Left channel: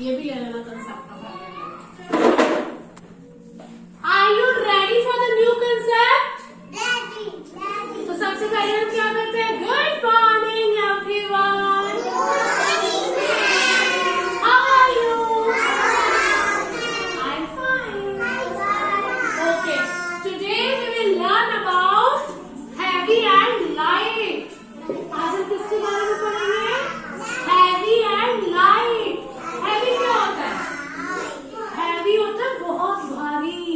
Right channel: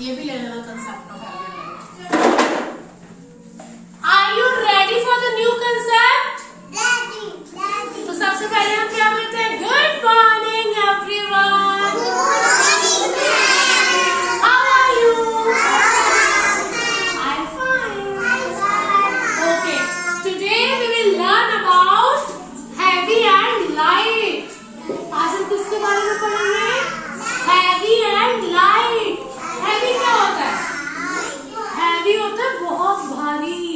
ये भी ले लेना कंसेप्ट का। Are you ready for the new concept? तो सबसे पहले हम क्या करते हैं? Good morning everyone, how are you? I am fine. Okay, today we will learn about heavy and light. आज हम किसके बारे में पढ़ेंगे? Heavy and light. हैवी क्या होता है? हैवी होता है बहुत भारी,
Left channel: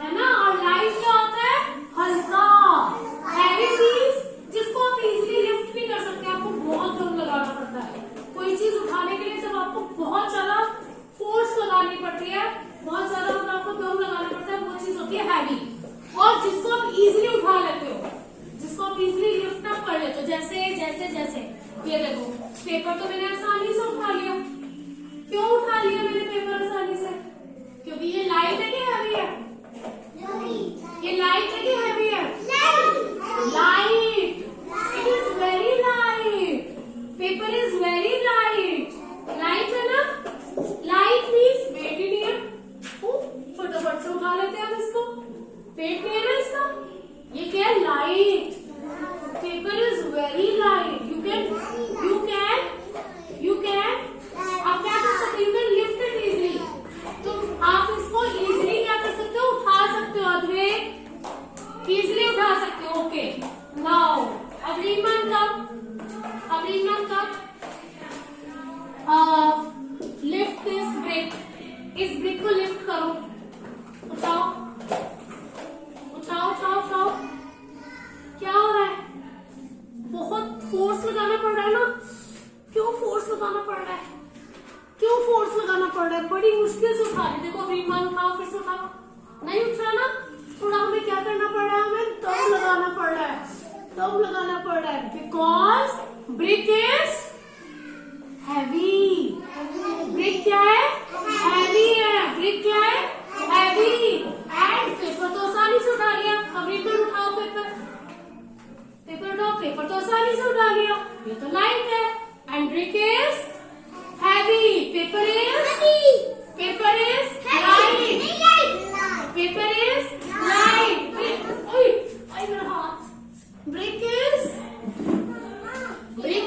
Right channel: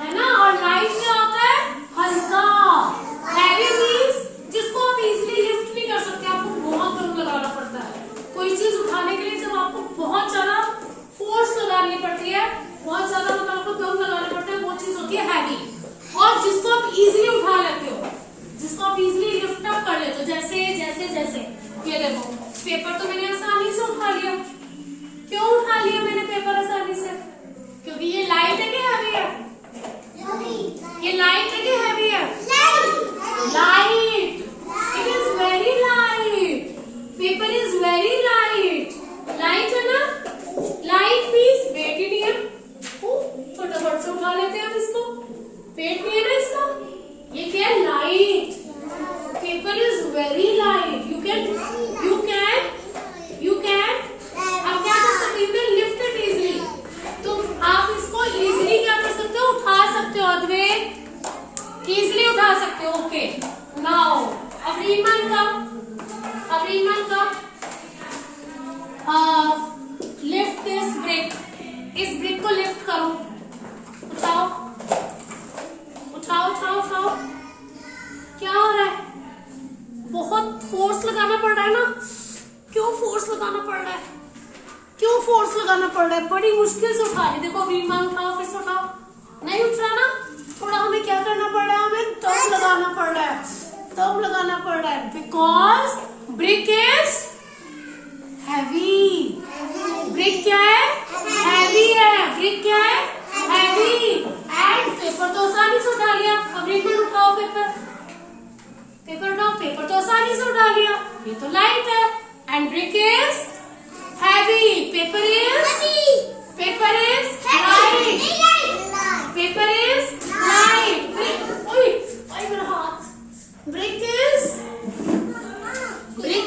है ना? और लाइट क्या होता है? हल्का। हैवी मींस जिसको आप इजीली लिफ्ट नहीं कर सकते, आपको बहुत दम लगाना पड़ता है। कोई चीज उठाने के लिए जब आपको बहुत ज्यादा फोर्स लगानी पड़ती है, बहुत ज्यादा मतलब आपको दम लगाना पड़ता है, वो चीज होती है हैवी। और जिसको आप इजीली उठा लेते हो, जिसको आप इजीली लिफ्ट अप कर लेते हो, जैसे जैसे जैसे ये देखो, पेपर तो मैंने आसानी से उठा लिया। क्यों उठा लिया मैंने पेपर आसानी से? क्योंकि ये लाइट है कि हैवी है? ये लाइट है कि हैवी है? Light. It is very light. Paper is very light. Light है ना? लाइट मीन्स वेट ही नहीं है, फटाफट से उठा लेते हैं हम इसको। वेट नहीं है ना इसका। ये क्या है? Light. Paper is very light. You can आप क्या कर सकते हो? You can lift it easily. तो आप इसको इजीली क्या कर सकते हो? उठा सकते हो। अद्वैत इजीली उठा सकते हो। ओके, नाउ अवरीमन का लिफ्ट दिस ब्रिक। इस ब्रिक को लिफ्ट करो। उठाओ उठाओ उठाओ उठाओ। क्या हो रहा है? बहुत फोर्स लगाना पड़ रहा है ना? क्यों फोर्स लगाना पड़ रहा है? क्यों फोर्स लगाना पड़ रहा है? बड़ी मुश्किल से उठा रही। देखो विमान, उठाओ, फिर से उठाओ। नहीं उठ रहा ना? थोड़ा हमें क्या करना पड़ रहा है? हमें दम लगाना पड़ रहा है। दम लगाना पड़ रहा है because brick is heavy. Brick क्या है? हैवी है। ब्रिक क्या है? हैवी। एंड पेपर तो आसानी से उठा लिया। अब विमान उठाओ पेपर। पेपर उठाओ। पेपर तो आसानी से उठा लिया। ये तो लाइट है। And brick is heavy. Paper is light. Paper is light. Ay मेरा हाथ. Brick is heavy.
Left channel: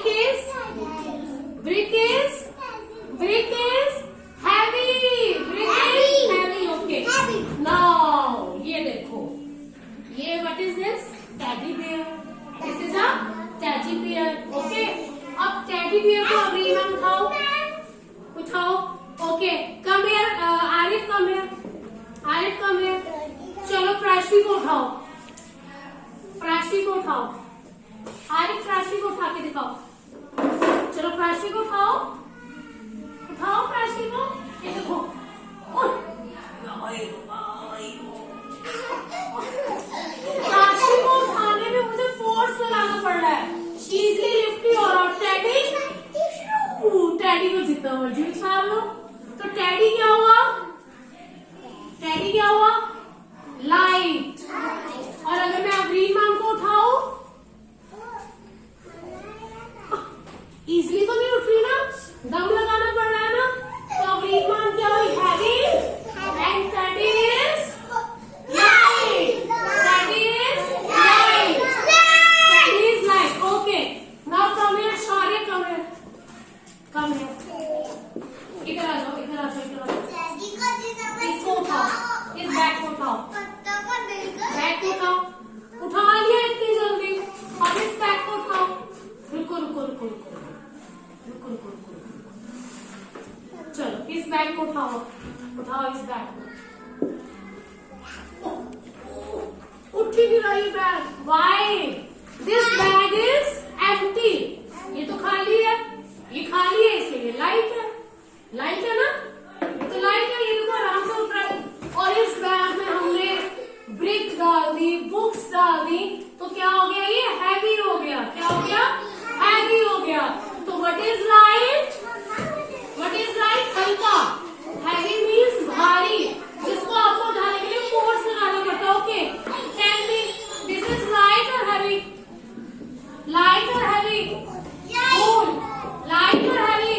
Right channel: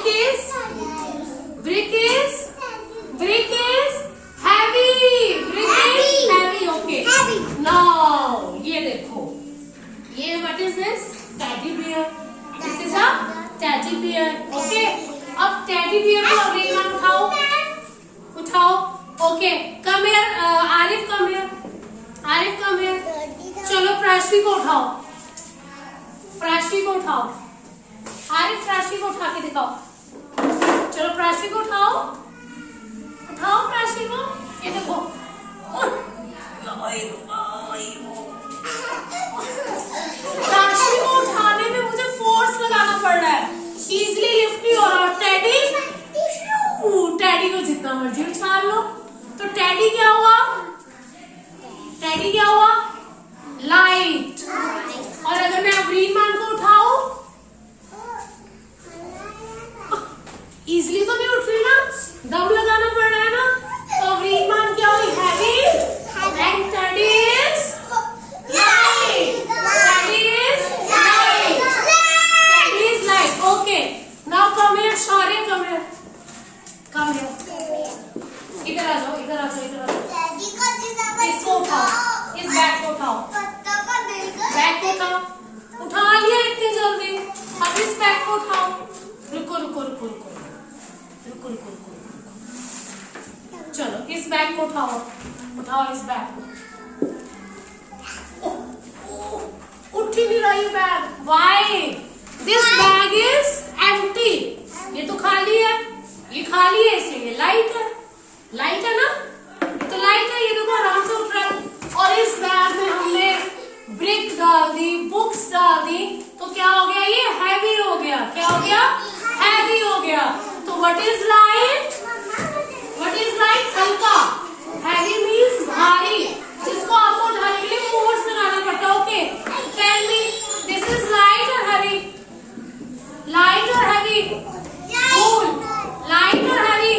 Brick is heavy. Okay. Now ये देखो, ये what is this? Teddy bear. This is a teddy bear. Okay. अब teddy bear को अभी उठाओ। Okay, come here. Arif come here. चलो प्राशी को उठाओ। आरिफ प्राशी को उठा के दिखाओ। चलो प्राशी को उठाओ प्राशी को। ये देखो, प्राशी को उठाने में मुझे फोर्स लगाना पड़ रहा है, इजीली लिफ्ट नहीं हो रहा। टेडी को जितना मर्जी उछाल लो। तो टेडी क्या हुआ? लाइट। और अगर मैं अवरीमान को उठाऊं, इजीली तो नहीं उठ रही ना, दम लगाना पड़ रहा है ना। तो अवरीमान क्या हुई? Heavy. And teddy is light. Teddy is light. Okay, now come here सारे, कम हियर। इधर आ जाओ। इसको उठाओ, इस बैग को उठाओ। उठा लिया इतनी जल्दी। अब इस बैग को उठाओ। रुको। चलो इस बैग को उठाओ इस बैग को। उठ ही नहीं रहा ये bag. Why? This bag is empty. ये तो खाली है। ये खाली है इसलिए लाइट है ना? ये तो लाइट है। ये देखो आराम से उठ रहा है। और इस बैग में हमने ब्रिक डाल दी, बुक्स डाल दी, तो क्या हो गया? ये हैवी हो गया। क्या हो गया? हैवी हो गया। तो व्हाट इज लाइट? हल्का। हैवी मीन्स भारी, जिसको आपको उठाने के लिए फोर्स लगाना पड़ता है। Okay, tell me, this is light और हैवी? बोल, लाइट और हैवी?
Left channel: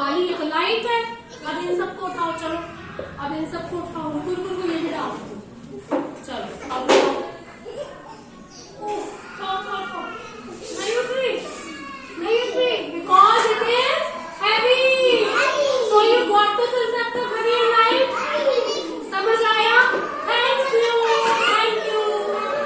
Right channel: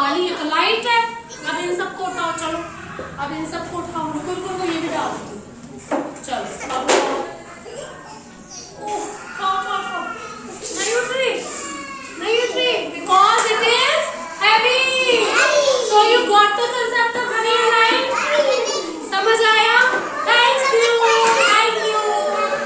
काली है तो लाइट है। अब इन सबको उठाओ, चलो अब इन सबको उठाओ, रुको रुको रुको, ये भी डाल दो। चलो अब नहीं उठ रही, नहीं उठ रही, because it is heavy. So you got the concept